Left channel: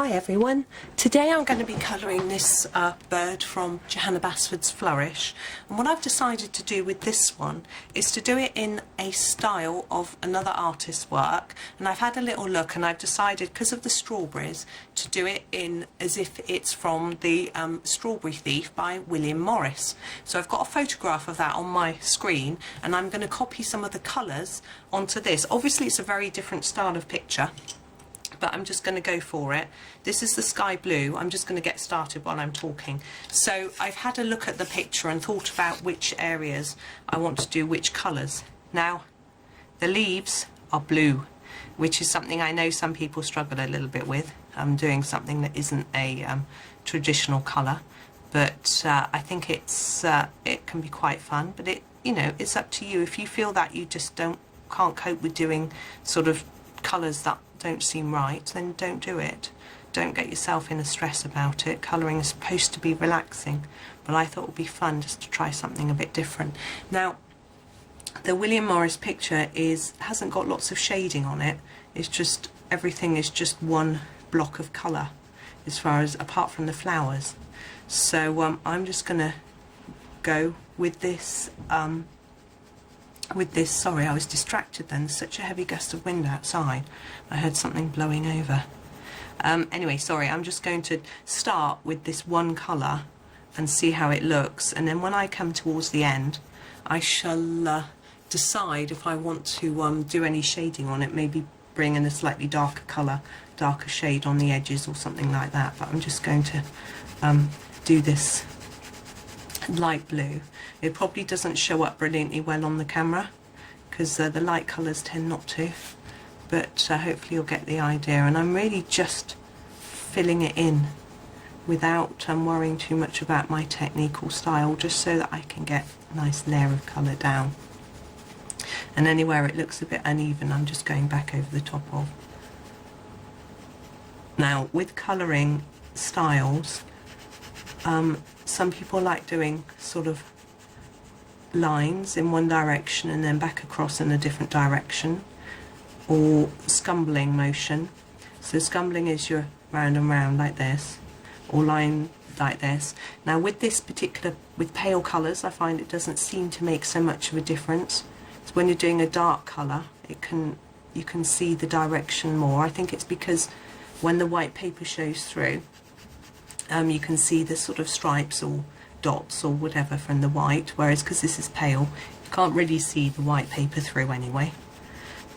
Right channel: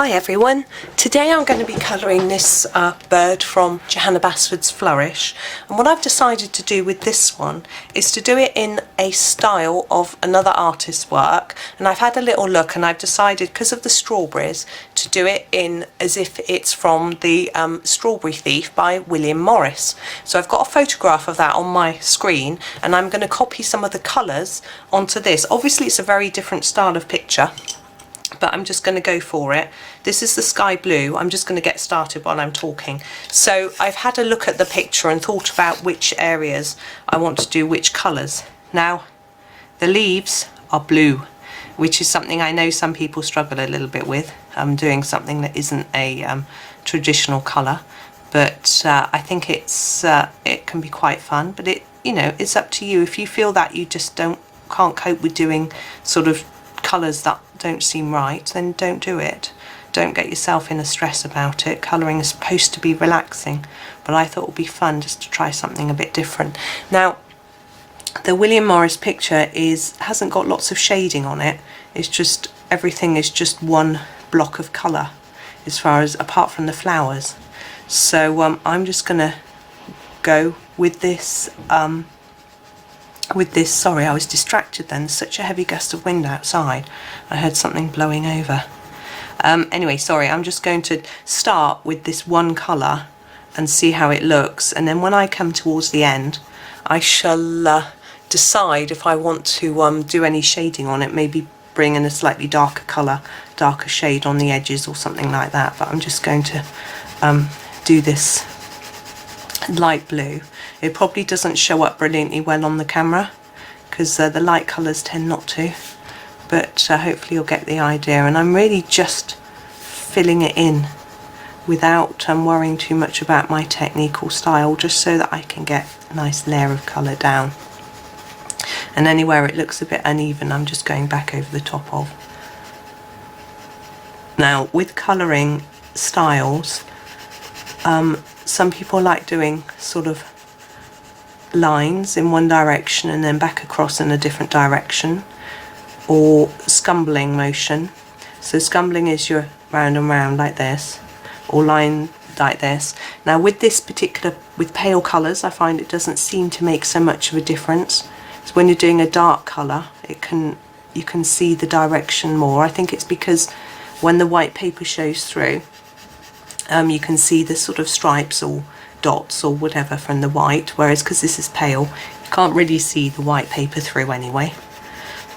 Hi everyone, today I'm going to be colouring this bird from Johanna Basford's Flourish, and what I've decided to do with this one is to do it in a style of another artist's work, and I've had a little look and I've decided, because of the strawberries, to do it in as if it's from the Strawberry Thief by William Morris. So I've got a photograph of that on my screen and I'm going to copy some of the colours onto this. Obviously it's a very different style of picture, but I'm just going to go for it. This is the sky blue. I'm just going to get started while I'm talking. So I've had a look at the picture and thought about which areas I want to do which colours. Now, the leaves are blue, which is something I know some people struggle a little bit with. I'm doing something that isn't a traditional colour, but I think it can be quite fun. But it's up to you. If you feel that you just can't cope with doing sort of colours that don't seem right, then don't do it. Don't get yourself in a stress about it. Colouring is supposed to be relaxing, but I thought it would be fun just to try something a bit different. Now, the William Morris picture hasn't got lots of shading on it. It's just, everything is just one block of colour as far as, apart from the flowers. So I'm just going to go with this sorry, I was distracted then. There's such a heavy gust of wind outside. I heard something blowing over. Anyway, sorry, I'm just going to start with this one colour and see how it looks, and then when I come towards the end I shall decide if I want to do any shading on it, maybe bring in a slightly darker colour, darker shade on the edges or something like that. But I'm just going to do this light blue. It probably doesn't show up brilliantly well on the camera because the light colours tend not to, but hopefully you'll get the idea. And I'm really just filling it in without worrying too much about my technique or style, just so that I can get a nice layer of colour down. And anywhere it looks a bit uneven, I'm just going back over the top of. Now, with colouring styles, some people like doing sort of lines in one direction and then back across in a different direction, or scumbling motion. So scumbling is your round and round like this, or line like this. Now with this particular, with pale colours, I find it doesn't seem to make so much of a difference. So when you're doing a dark colour, you can see the direction more. I think it's because when the white paper shows through, you can see the sort of stripes or dots or whatever from the white, whereas because this is pale, you can't really see the white paper through anyway.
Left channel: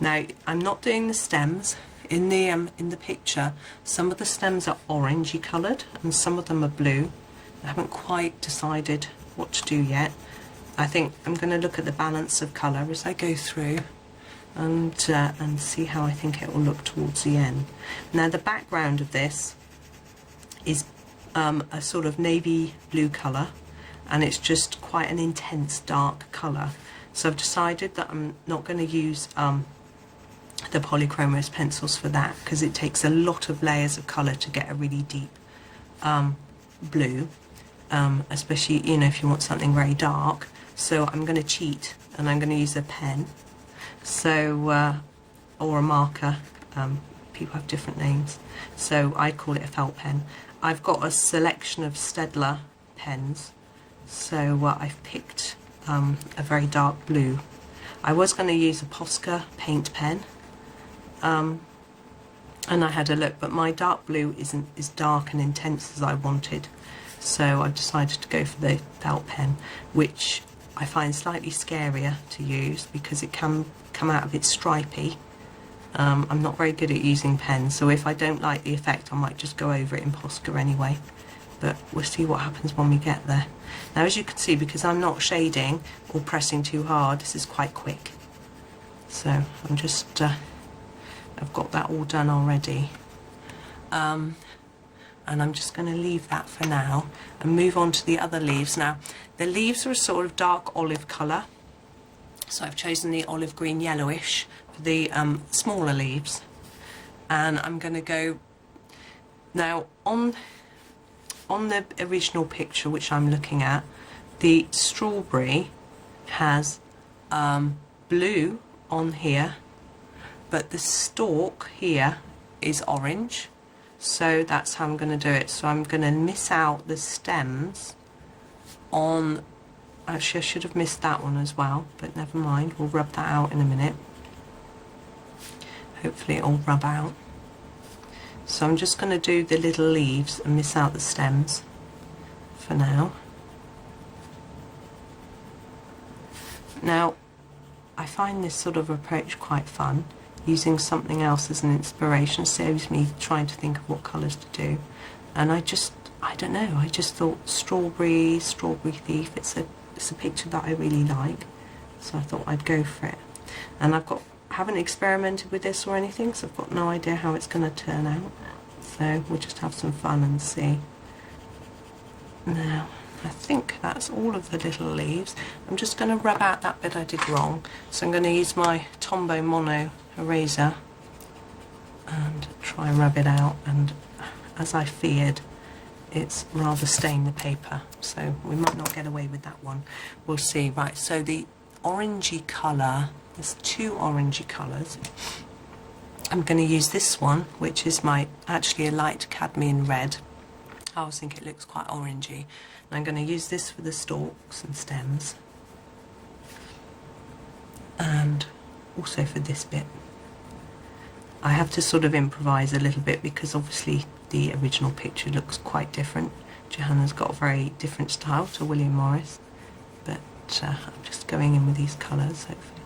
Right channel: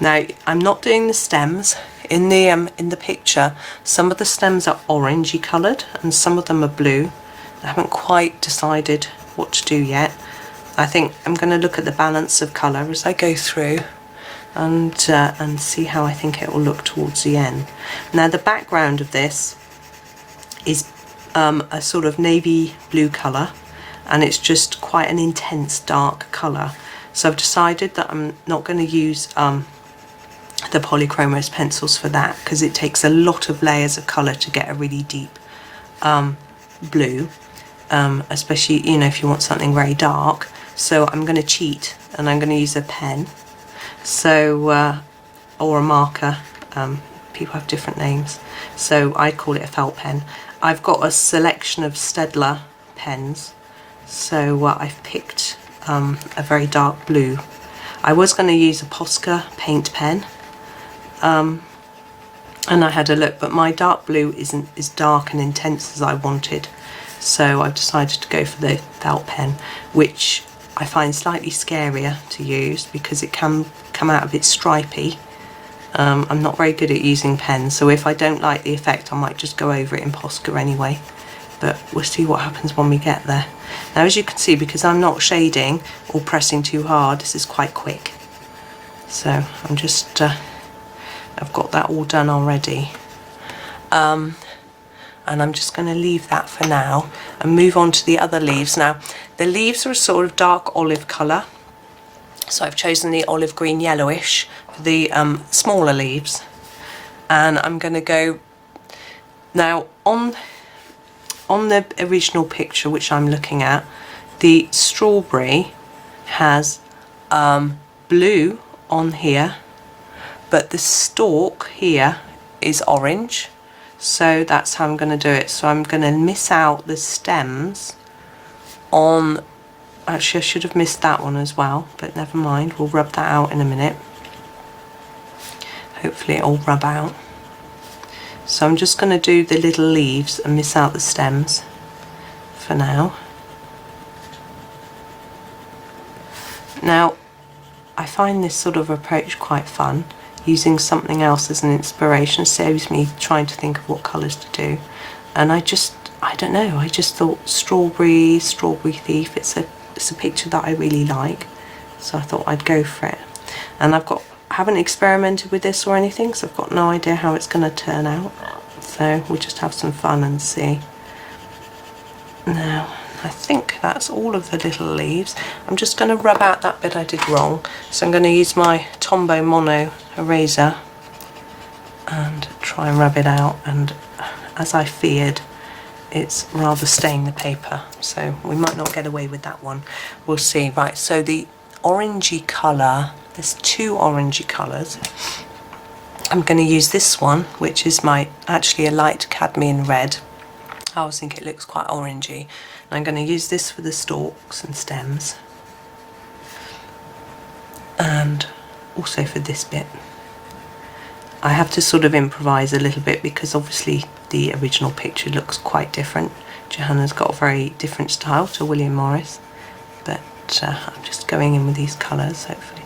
Now, I'm not doing the stems. In the picture, some of the stems are orangey coloured and some of them are blue. I haven't quite decided what to do yet. I think I'm going to look at the balance of colour as I go through and see how I think it will look towards the end. Now, the background of this is a sort of navy blue colour, and it's just quite an intense dark colour. So I've decided that I'm not going to use the Polychromos pencils for that, because it takes a lot of layers of colour to get a really deep blue, especially if you want something very dark. So I'm going to cheat and I'm going to use a pen, so or a marker. People have different names, so I call it a felt pen. I've got a selection of Staedtler pens, so I've picked a very dark blue. I was going to use a Posca paint pen, and I had a look, but my dark blue isn't as dark and intense as I wanted, so I've decided to go for the felt pen, which I find slightly scarier to use because it can come out a bit stripy. I'm not very good at using pens, so if I don't like the effect I might just go over it in Posca anyway, but we'll see what happens when we get there. Now, as you can see, because I'm not shading or pressing too hard, this is quite quick. So I'm just I've got that all done already, and I'm just going to leave that for now and move on to the other leaves. Now, the leaves are a sort of dark olive colour, so I've chosen the olive green yellowish for the smaller leaves, and I'm going to go now on the original picture which I'm looking at. The strawberry has blue on here, but the stalk here is orange, So that's how I'm going to do it. So I'm going to miss out the stems on, actually I should have missed that one as well, but never mind, we'll rub that out in a minute. Hopefully it'll rub out. So I'm just going to do the little leaves and miss out the stems for now. Now I find this sort of approach quite fun. Using something else as an inspiration saves me trying to think of what colours to do. And I don't know, I just thought strawberry thief, it's a picture that I really like, so I thought I'd go for it. And I haven't experimented with this or anything, so I've got no idea how it's going to turn out, so we'll just have some fun and see. Now I think that's all of the little leaves. I'm just going to rub out that bit I did wrong, so I'm going to use my Tombow mono eraser and try and rub it out, and as I feared, it's rather stained the paper, so we might not get away with that one. We'll see. Right, so the orangey colour, there's two orangey colours. I'm going to use this one, which is actually a light cadmium red. I always think it looks quite orangey. And I'm going to use this for the stalks and stems, and also for this bit. I have to sort of improvise a little bit because obviously the original picture looks quite different. Johanna's got a very different style to William Morris, but I'm just going in with these colours, hopefully.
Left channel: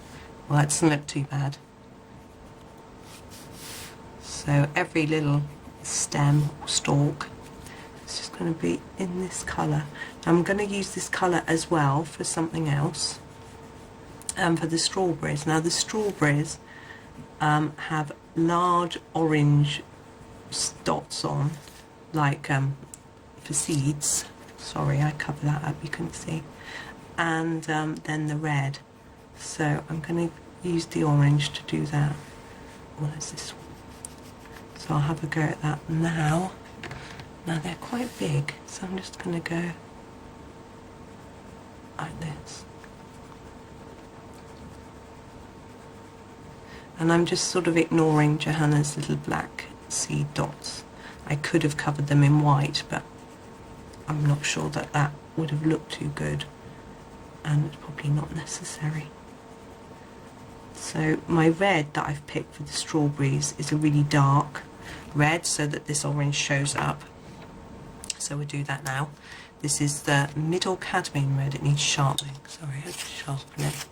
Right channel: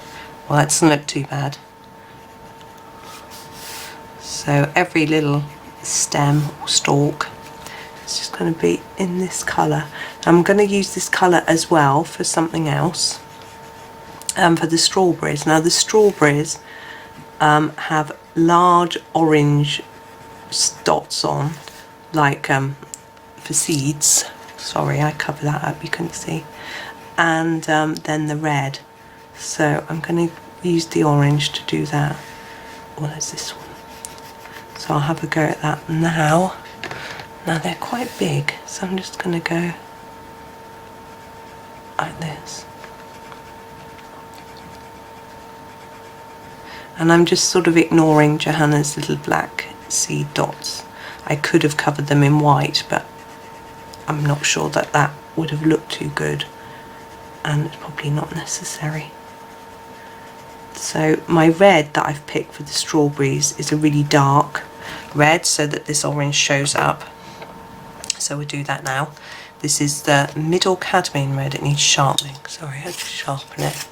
Well, that doesn't look too bad. So every little stem or stalk is just going to be in this colour. I'm going to use this colour as well for something else, for the strawberries. Now the strawberries have large orange dots on, like for seeds. Sorry, I covered that up, you couldn't see. And then the red. So I'm going to use the orange to do that. Well, there's this one. So I'll have a go at that now. Now they're quite big, so I'm just going to go like this. And I'm just sort of ignoring Johanna's little black seed dots. I could have covered them in white, but I'm not sure that that would have looked too good, and it's probably not necessary. So my red that I've picked for the strawberries is a really dark red, so that this orange shows up. So we'll do that now. This is the middle cadmium red. It needs sharpening. Sorry, I had to sharpen it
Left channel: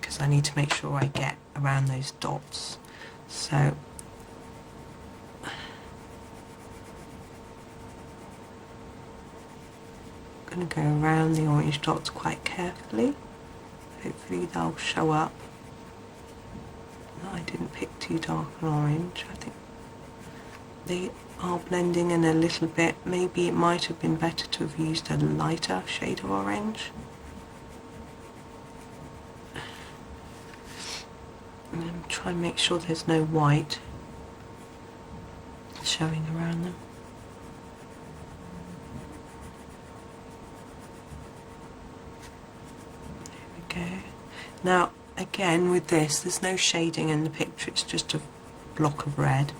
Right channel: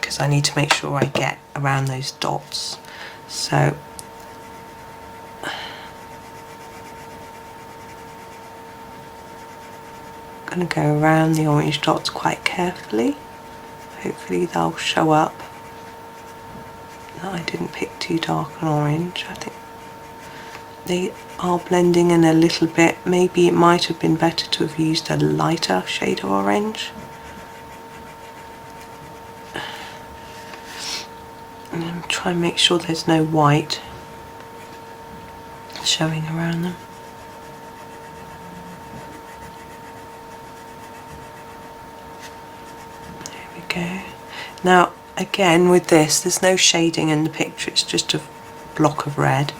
because I need to make sure I get around those dots. So I'm going to go around the orange dots quite carefully. Hopefully they'll show up. I didn't pick too dark an orange. I think they are blending in a little bit. Maybe it might have been better to have used a lighter shade of orange. And then try and make sure there's no white showing around them. There we go. Now again with this, there's no shading in the picture, it's just a block of red.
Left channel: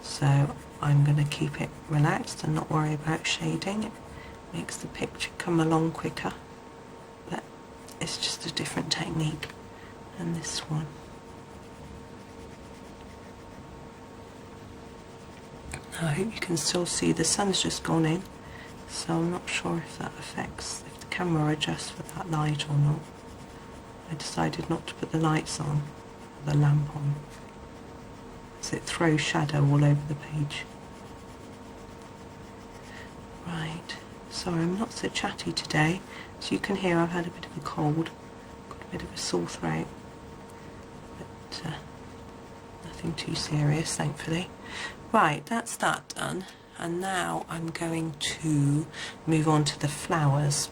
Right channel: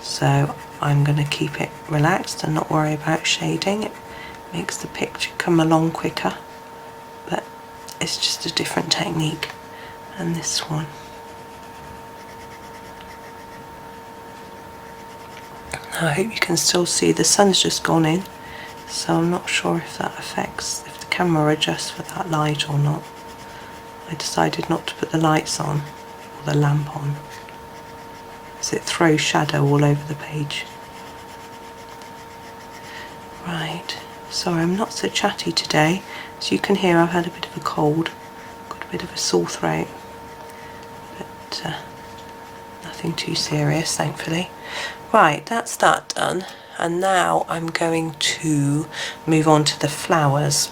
So I'm going to keep it relaxed and not worry about shading. It makes the picture come along quicker, but it's just a different technique. And this one. Now I hope you can still see the sun's just gone in, so I'm not sure if that affects, if the camera adjusts for that light or not. I decided not to put the lights on, or the lamp on, as it throws shadow all over the page. Right, sorry I'm not so chatty today. As you can hear, I've had a bit of a cold, got a bit of a sore throat, but nothing too serious, thankfully. Right, that's that done, and now I'm going to move on to the flowers.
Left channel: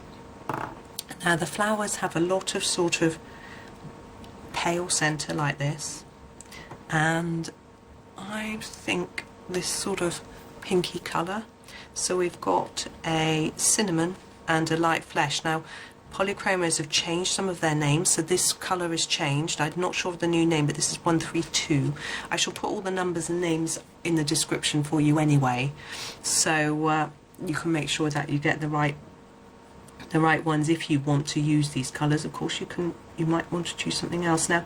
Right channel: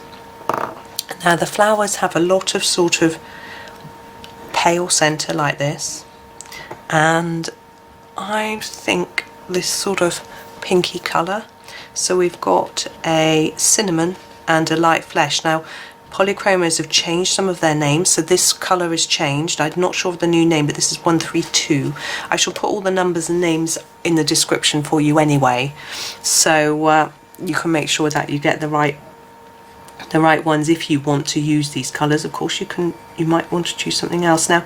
Now the flowers have a lot of sort of pale centre like this, and I think this sort of pinky colour. So we've got a cinnamon and a light flesh. Now Polychromos have changed some of their names, so this colour has changed. I'm not sure of the new name, but this is 132. I shall put all the numbers and names in the description for you anyway, so you can make sure that you get the right ones if you want to use these colours. Of course you might want to choose something else. Now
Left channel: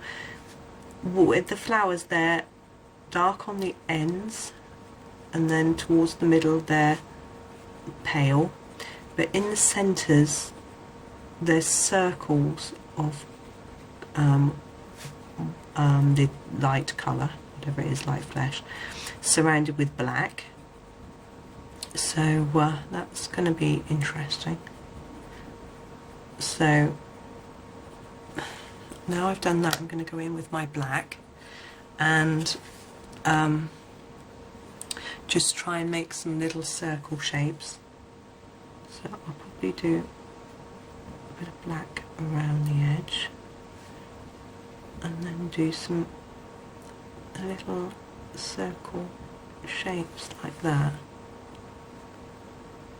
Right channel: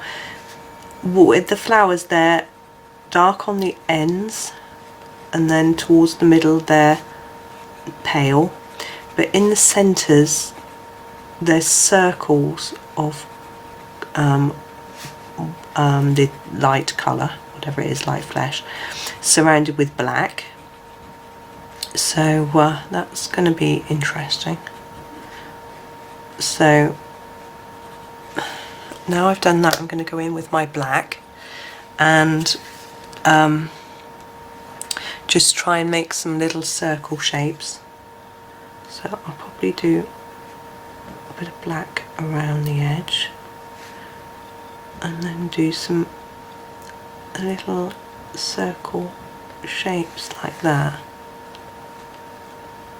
with the flowers, they're dark on the ends, and then towards the middle they're pale, but in the centres there's circles of the light colour, whatever it is, light flesh, surrounded with black. So that's going to be interesting. So now I've done that, I'm going to go in with my black and just try and make some little circle shapes. So I'll probably do a bit of black around the edge and then do some little circle shapes like that.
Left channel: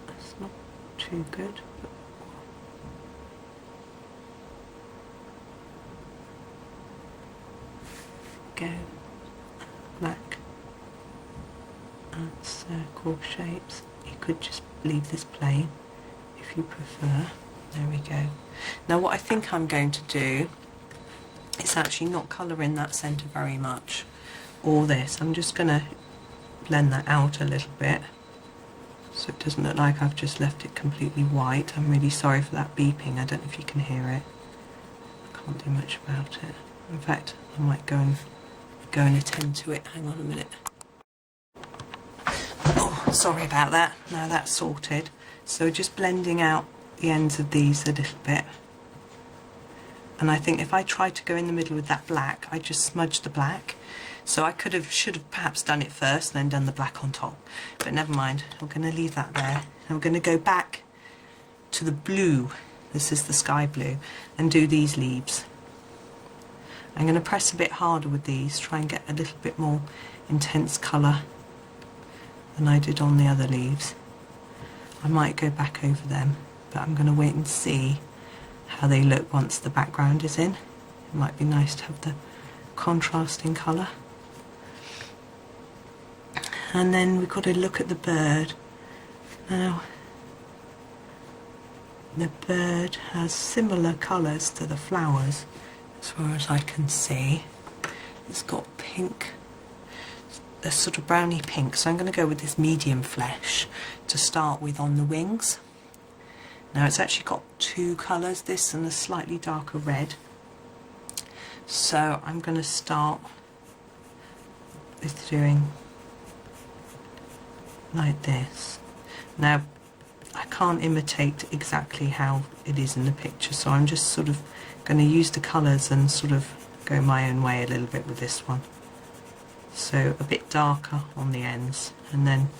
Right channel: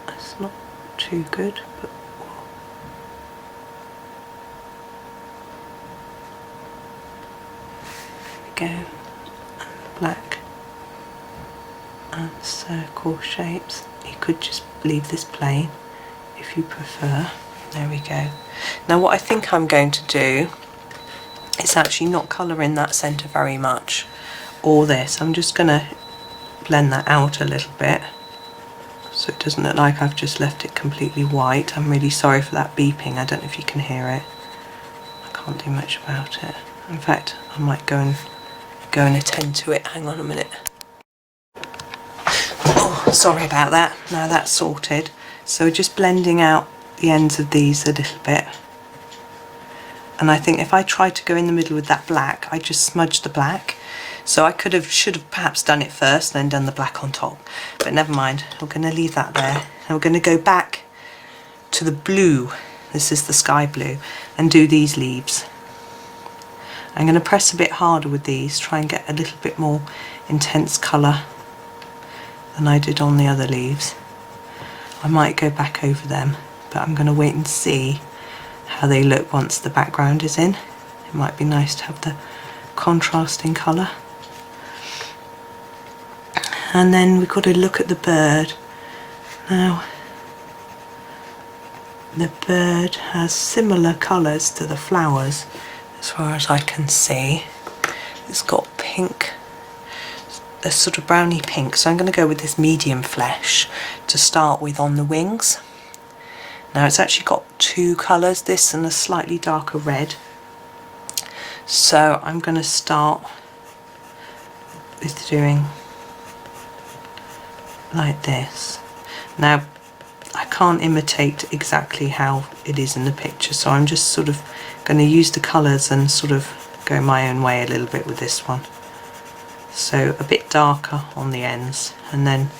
It's not too good, but there we go. Black and circle shapes. You could just leave this plain if you prefer. There we go. Now what I think I'm going to do is actually not colour in that centre very much, or this. I'm just going to blend that out a little bit so it doesn't look like I've just left it completely white. I'm really sorry for that beeping, I don't know if you can hear it. I can't do much about it. In fact, I might go and attend to it. Hang on a minute. Oh, sorry about that. Now that's sorted. So just blending out the ends of these a little bit. And I think if I tried to go in the middle with that black, I just smudged the black. So I should have perhaps done it first, then done the black on top. But never mind, we're going to leave that there. And we're going to go back to the blue, this is the sky blue, and do these leaves. I'm going to press a bit harder with these, try and get a little bit more intense colour than I did on the other leaves. I might go back over them, but I'm going to wait and see how they look once the background is in. It might be nice to have the contrasting colour. And then we've got to look at the bird. Now, the bird has similar colours to the flowers as far as I can see. It's got pink, a sort of browny pink, so I'm going to go with this medium flesh to start with on the wings. Now it's actually got two colours, this and a slightly darker red. So I'm going to start with doing like this. Now I can't imitate exactly how it is in the picture, so I'm just sort of going to use the colours and sort of go my own way a little bit with this one. So a bit darker on the ends and then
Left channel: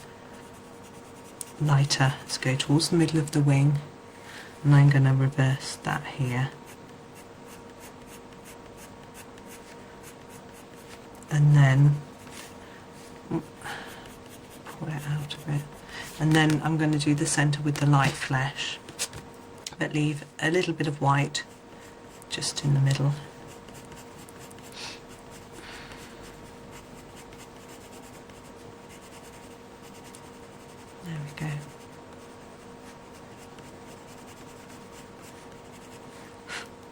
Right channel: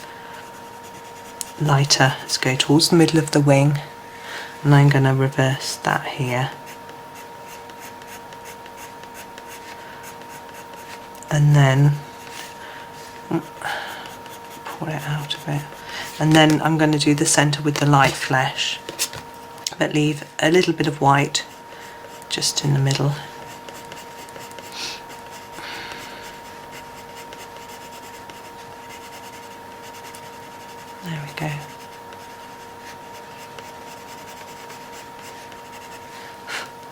lighter. Let's go towards the middle of the wing, and I'm going to reverse that here. And then pull it out a bit. And then I'm going to do the centre with the light flesh, but leave a little bit of white just in the middle. There we go.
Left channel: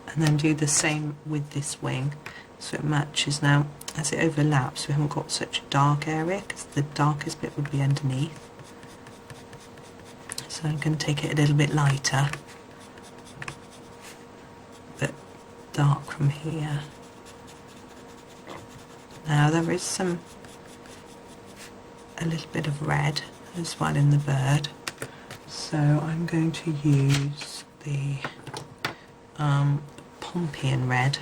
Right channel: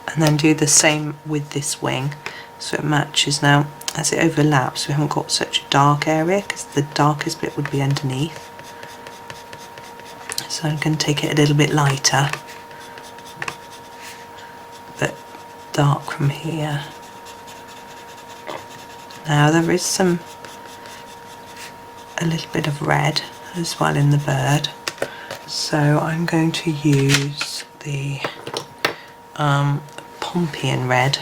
And then do the same with this wing so it matches. Now as it overlaps, we haven't got such a dark area because the darkest bit would be underneath. So I'm going to take it a little bit lighter, but dark from here. Now there is a little bit of red as well in the bird, so I'm going to use the Pompeian red,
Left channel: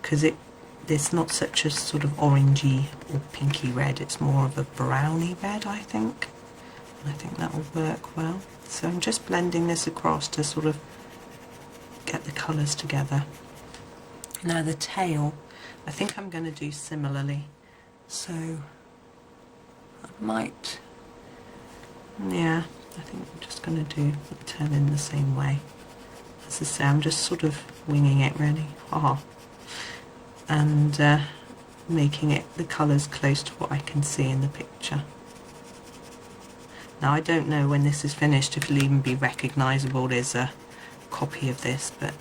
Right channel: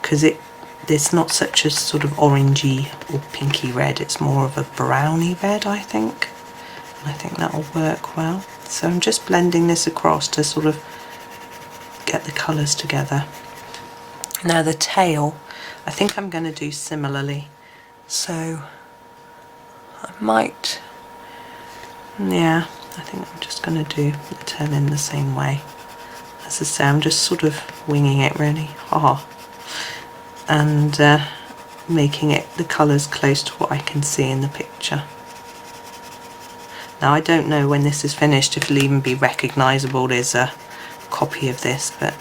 because it's not such a sort of orangey or pinky red, it's more of a browny red, I think. And I think that'll work well. So I'm just blending this across to sort of get the colours together. Now the tail, I think I'm going to do similarly. So I might, yeah, I think I'm just going to do the tail in the same way. as I say, I'm just sort of winging it really, and making it the colours close to what I can see in the picture. Now I don't know when this is finished if it'll even be recognisable as a copy of this, but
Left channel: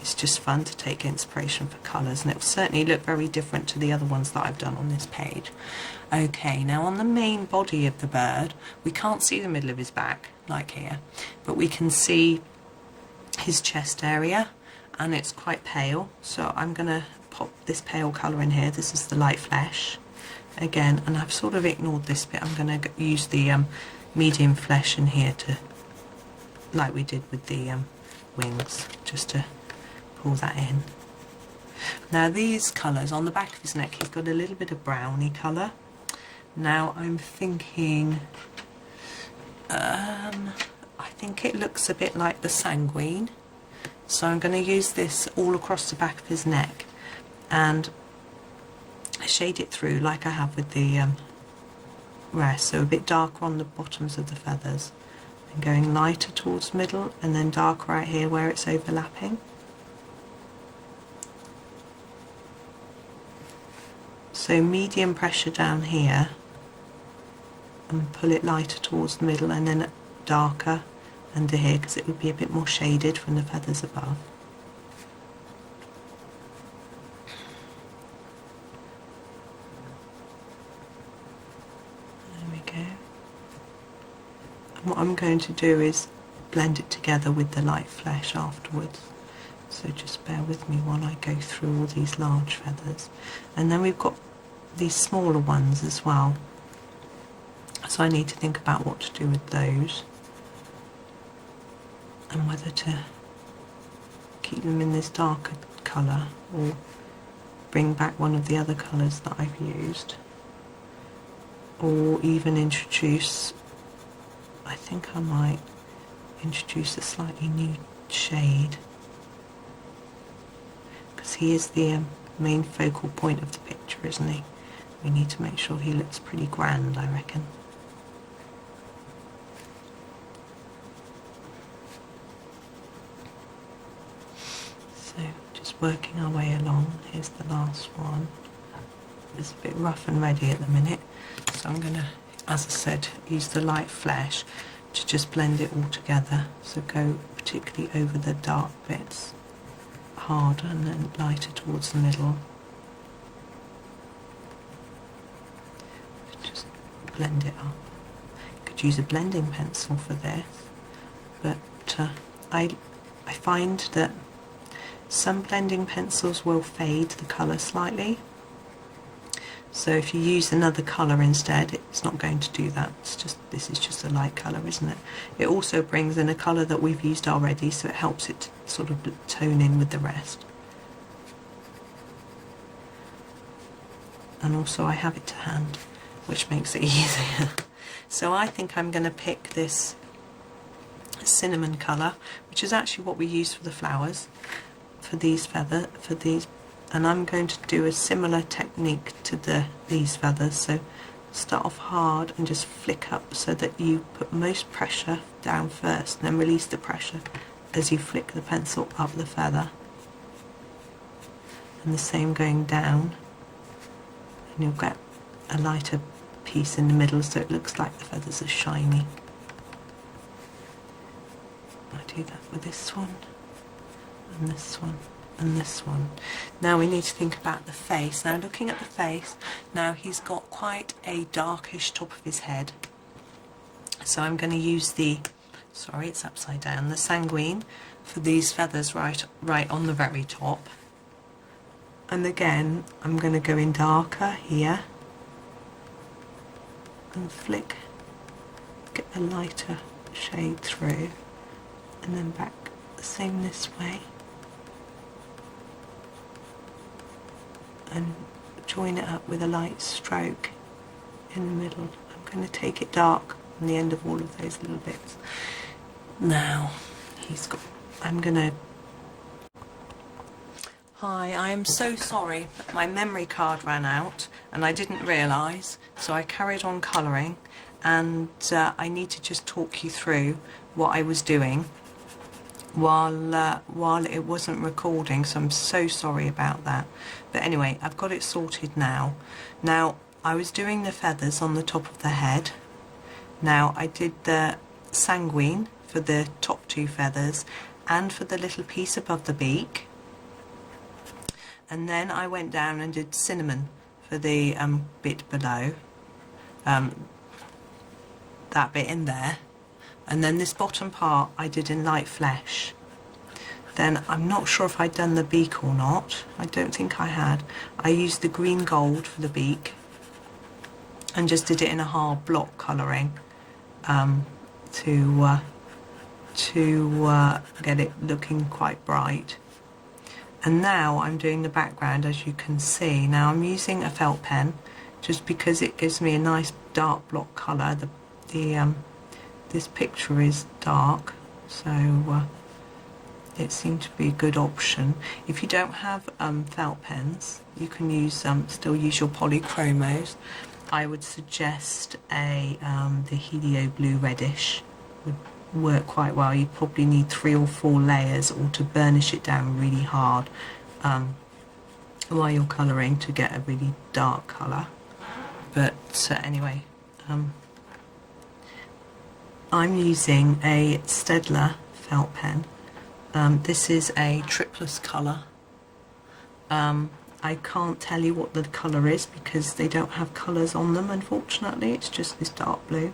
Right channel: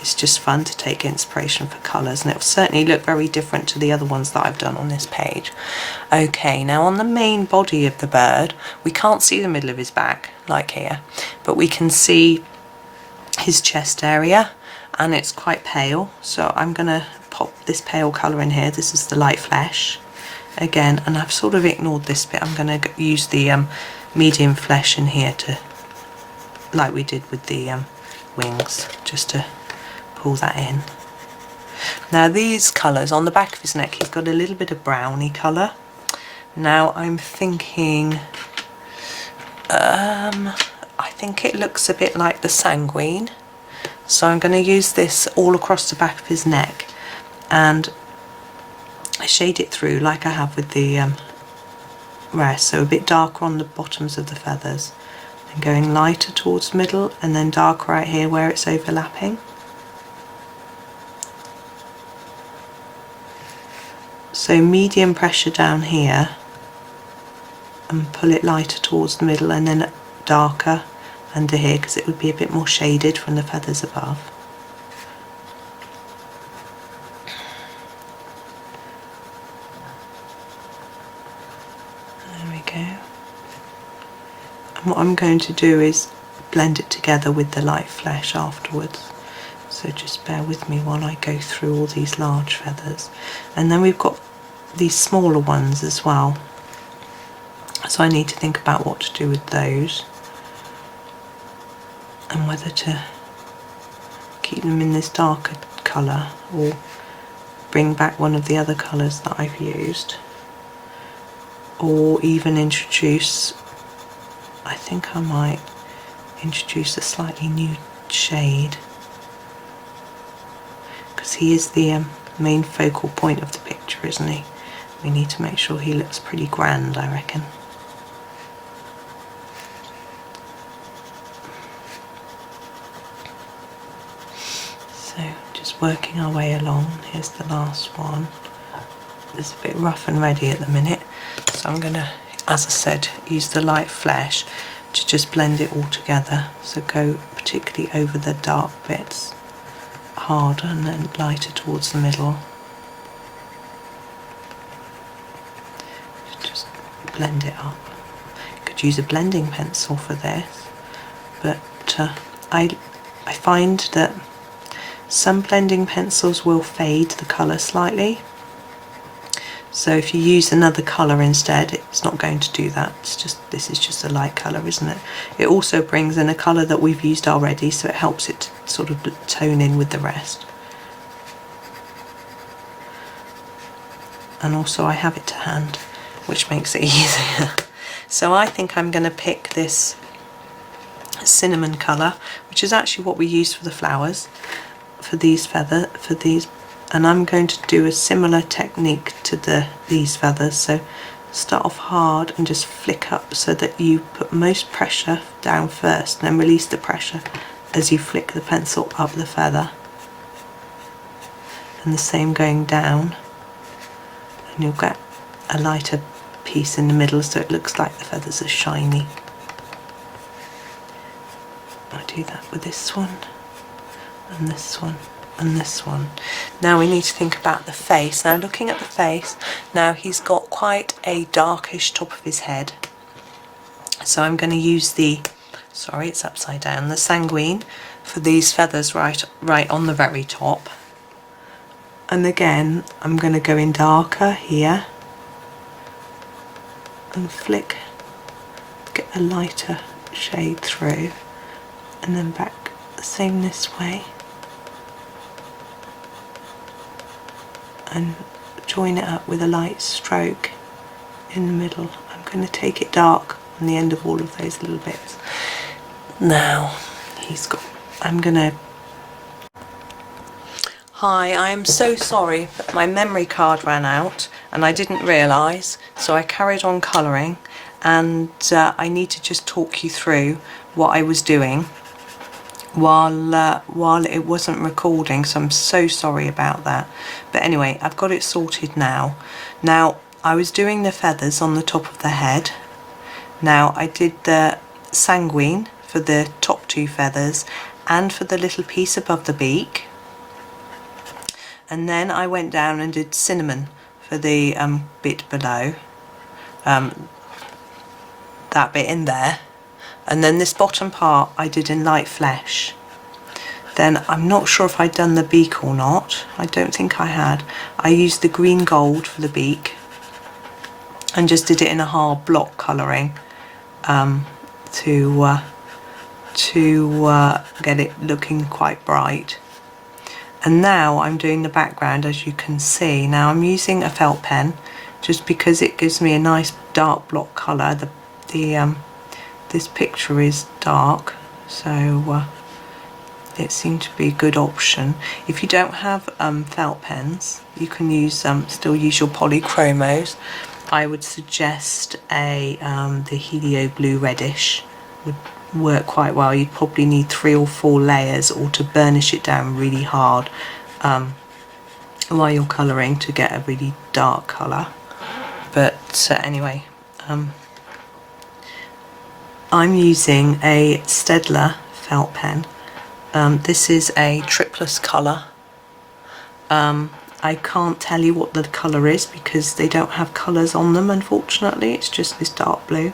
it's just fun to take inspiration for colours, and it'll certainly look very different to the other ones that I've done on this page. Okay, now on the main body of the bird, we can't see the middle of his back like here, but we can see his chest area, and it's quite pale, so I'm going to pop this pale colour in here. This is the light flesh again, and I've sort of ignored this bit. I'm going to use the medium flesh in here to, like we did with the wings, just to pull that in. Now these colours on the back of his neck, he's got a little bit of browny colour. Now I'm thinking I think it looks a bit like the sanguine, so I'm going to use this all across the back of his neck and shade it through like I have with the rest, so a bit darker on the bottoms of the feathers and going lighter towards the middle, and then darker right here where it's overlapping. So medium pressure down here and pull it lighter towards the middle, and then darker under here because it would be a bit more shaded from the feathers above. There we go. And what I'm going to do is blend it together with the light flesh afterwards. So just bear with me while I go through all these large feathers. And then we've got these smaller ones as well. So I need to think about what to do with those and whether to keep them in this darker colour or bring back one of the other colours that I've used, or even introduce, I think I might introduce a slightly new shade, because he is the main focal point of the picture, isn't he? We need to make sure he looks pretty grand, I reckon. So just working our way along. Here's the last one. It's a bit rough and ready at the minute, so I'm going to, as I said, use the light flesh to just blend it all together. So go particularly over the dark bits harder and then lighter towards the middle. Just blend it up. You could use a blending pencil for this, but I find that some blending pencils will fade the colour slightly. So if you use another colour instead, it's not going to do that. It's just, this is just a light colour, isn't it? It also brings in a colour that we've used already, so it helps it to sort of tone in with the rest. And also I have it to hand, which makes it easier. So I think I'm going to pick this cinnamon colour, which is actually what we use for the flowers, for these and I'm going to do a similar technique to these feathers. So start off hard and just flick up so that you put most pressure down first, and then release the pressure as you flick the pencil up the feather, and the same going down, and you'll get a lighter piece in the middle so it looks like the feathers are shiny. I do that with this one and this one and this one. Now we need to think about the face. Now looking at the face, now he's got quite a darkish top of his head, so I'm going to use the, sorry it's upside down, the sanguine for these feathers right on the very top. And again I'm going to go in darker here and flick, get a lighter shade through, and then back the same this way, and join it up with a light stroke in the middle. I'm going to take it dark on the end of all of those little bits. Now he's got, I'm going to, hi, I am so sorry but my memory card ran out and I didn't realise, so I carried on colouring, and I need to just talk you through what I was doing while it wasn't recording, so I'm so sorry about that. But anyway, I've got it sorted now. Now, I was doing the feathers on the top of the head. Now, I did the sanguine for the top two feathers and for the little piece above the beak. And then I went down and did cinnamon for the bit below, that bit in there. And then this bottom part I did in light flesh. Then I'm not sure if I'd done the beak or not. I don't think I had. I used the green gold for the beak and just did it in a hard block colouring to get it looking quite bright. And now I'm doing the background, as you can see. Now I'm using a felt pen just because it gives me a nice dark block colour. This picture is dark, so it seemed to be a good option. If you don't have felt pens, you can use still use your polychromos. I would suggest the Helio Blue Reddish would work quite well. You'd probably need 3 or 4 layers, or to burnish it down really hard while you're colouring to get a really dark colour. But anyway, I'm using a Staedtler felt pen. This is a triplus colour. I can't tell you what the colour is because they don't have colours on them, unfortunately. It's just this dark blue.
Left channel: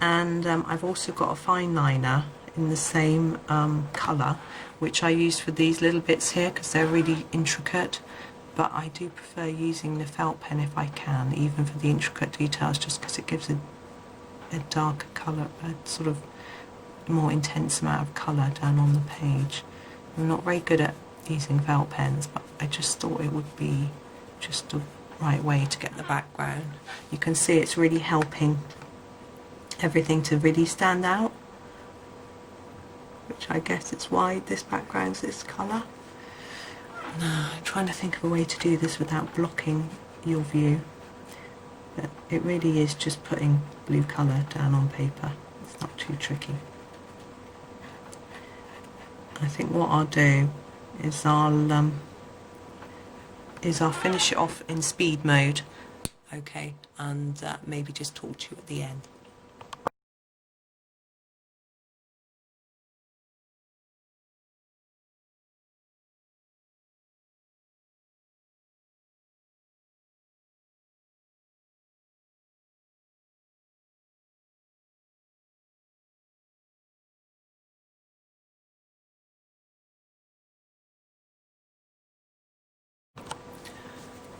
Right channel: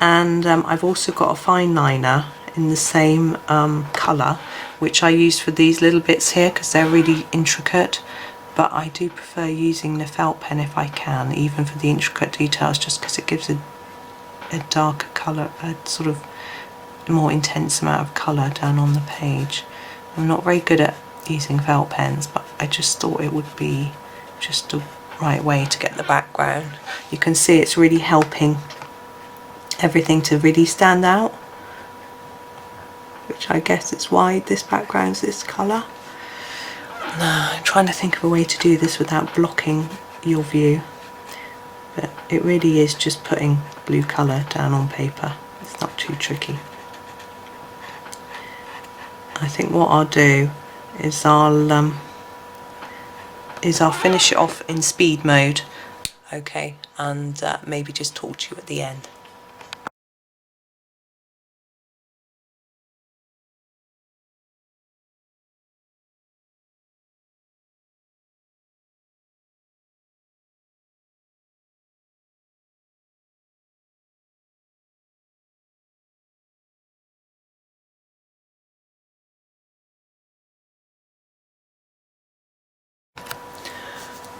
And I've also got a fine liner in the same colour, which I use for these little bits here because they're really intricate. But I do prefer using the felt pen if I can, even for the intricate details, just because it gives a darker colour, a sort of more intense amount of colour down on the page. I'm not very good at using felt pens, but I just thought it would be just the right way to get the background. You can see it's really helping everything to really stand out, which I guess is why this background's this colour. Now, I'm trying to think of a way to do this without blocking your view, but it really is just putting blue colour down on paper. It's not too tricky. I think what I'll do is I'll finish it off in speed mode, okay, and maybe just talk to you at the end.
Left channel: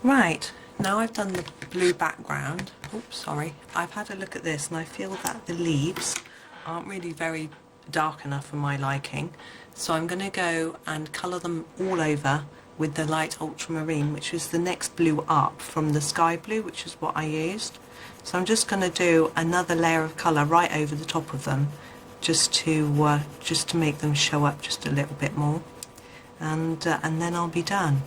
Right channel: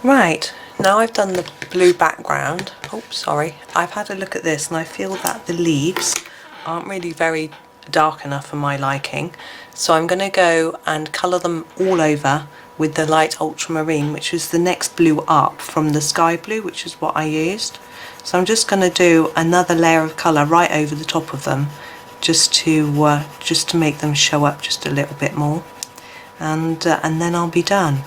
Right, now I've done the blue background. Oh, sorry. I've had a look at this and I feel that the leaves aren't really very dark enough for my liking. So I'm going to go and colour them all over with the light ultramarine, which is the next blue up from the sky blue, which is what I used. So I'm just going to do another layer of colour right over the top of them, just to make them show up just a little bit more, and then I'll be done.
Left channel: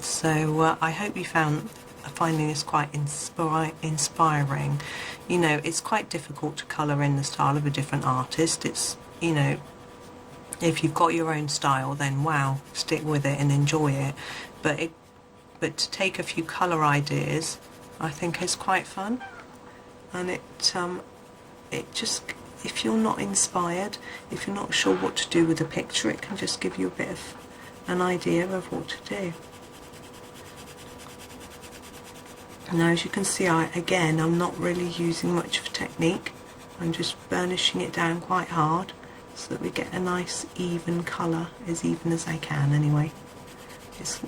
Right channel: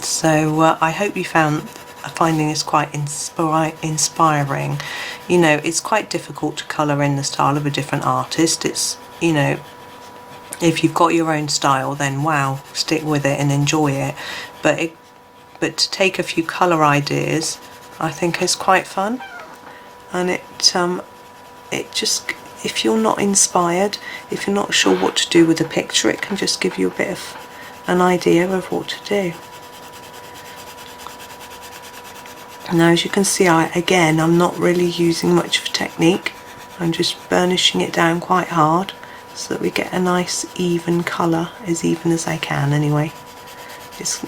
So I hope you finding this quite inspiring. You know, it's quite difficult to colour in the style of a different artist. It's, you know, if you've got your own style, then wow, stick with it and enjoy it. But to take a few colour ideas, I think is quite fun. And it just, if you're not inspired, if you're not sure what to do with a picture, it can just give you a bit of an idea of what to do. Now, as you can see, I'm not really using much of a technique. I'm just burnishing it down quite hard so that we get a nice even colour, as even as I can anyway. It's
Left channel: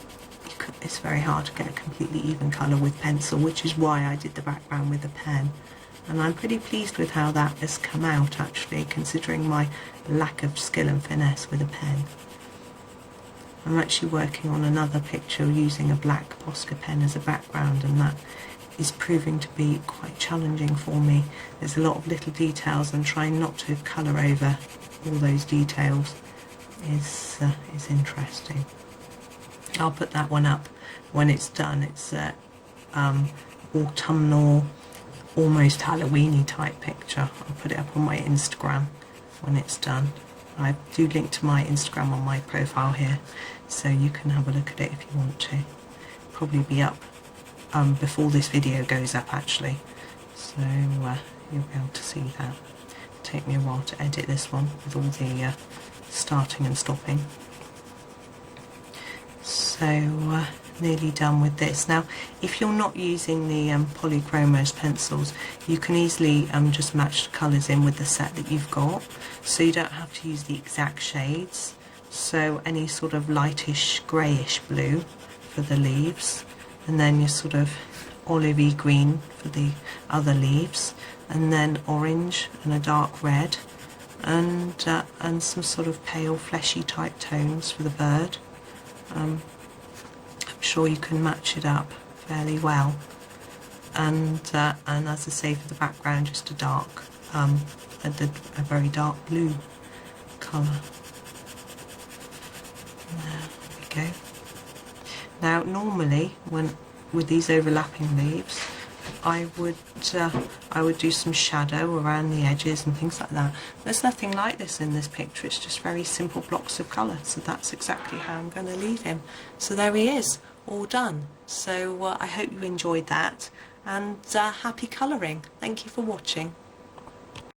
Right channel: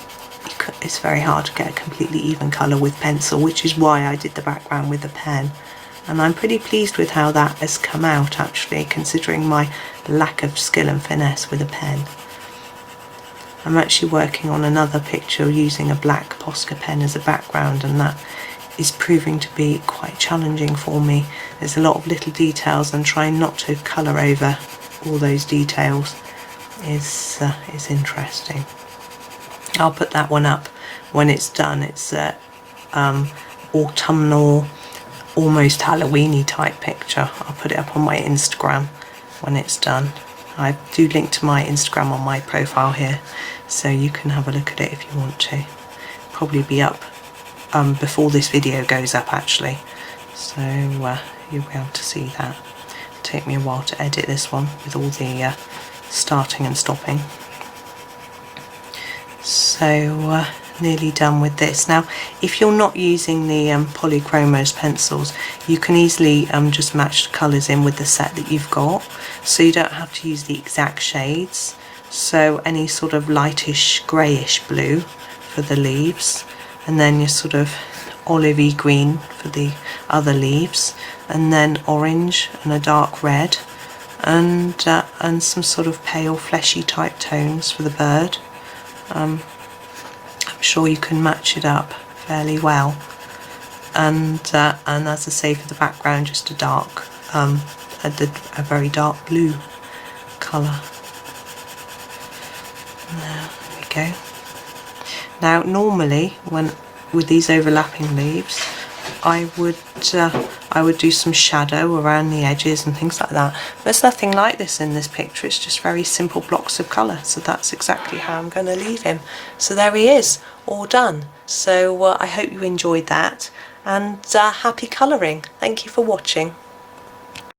very hard to get a completely even colour with pencil, which is why I did the background with a pen. And I'm pretty pleased with how that has come out, actually, considering my lack of skill and finesse with a pen. I'm actually working on another picture using a black Posca pen as a background, and that is proving to be quite challenging for me. There's a lot of little details, and trying not to colour over all those details is interesting. I'll put that one up when it's done. It's autumnal, almost Halloween-y type picture. I'll put it up on my Instagram when it's done. I do link to my Instagram on my profile here, so you can have a look at it if you want to. Probably be up before this video goes up actually, so you'll be able to see that. It'll take me a while to edit this one with all the starting and stopping. So nearly done with this. Now if you're not using the Polychromos pencils, you can easily just match the colours in with the set that you've got, so you don't have to use the exact shades. So any sort of lightish greyish blue for the leaves, and then your sort of olivey green for the other leaves, and then orange and a dark red, and some sort of pale fleshy type tones for the bird. I'm sure you can match it up fairly well, and as I say, for the background, just a dark, a very dark blue colour. There we go. Now normally with these overlapping leaves, I would do some shadow around the edges and things like that. There's nothing like this in this picture, it's just very simple blocks of colour, so that's exactly how I'm going to leave him. So there he is, all done. So I hope you enjoyed that, and happy colouring. Thank you for watching.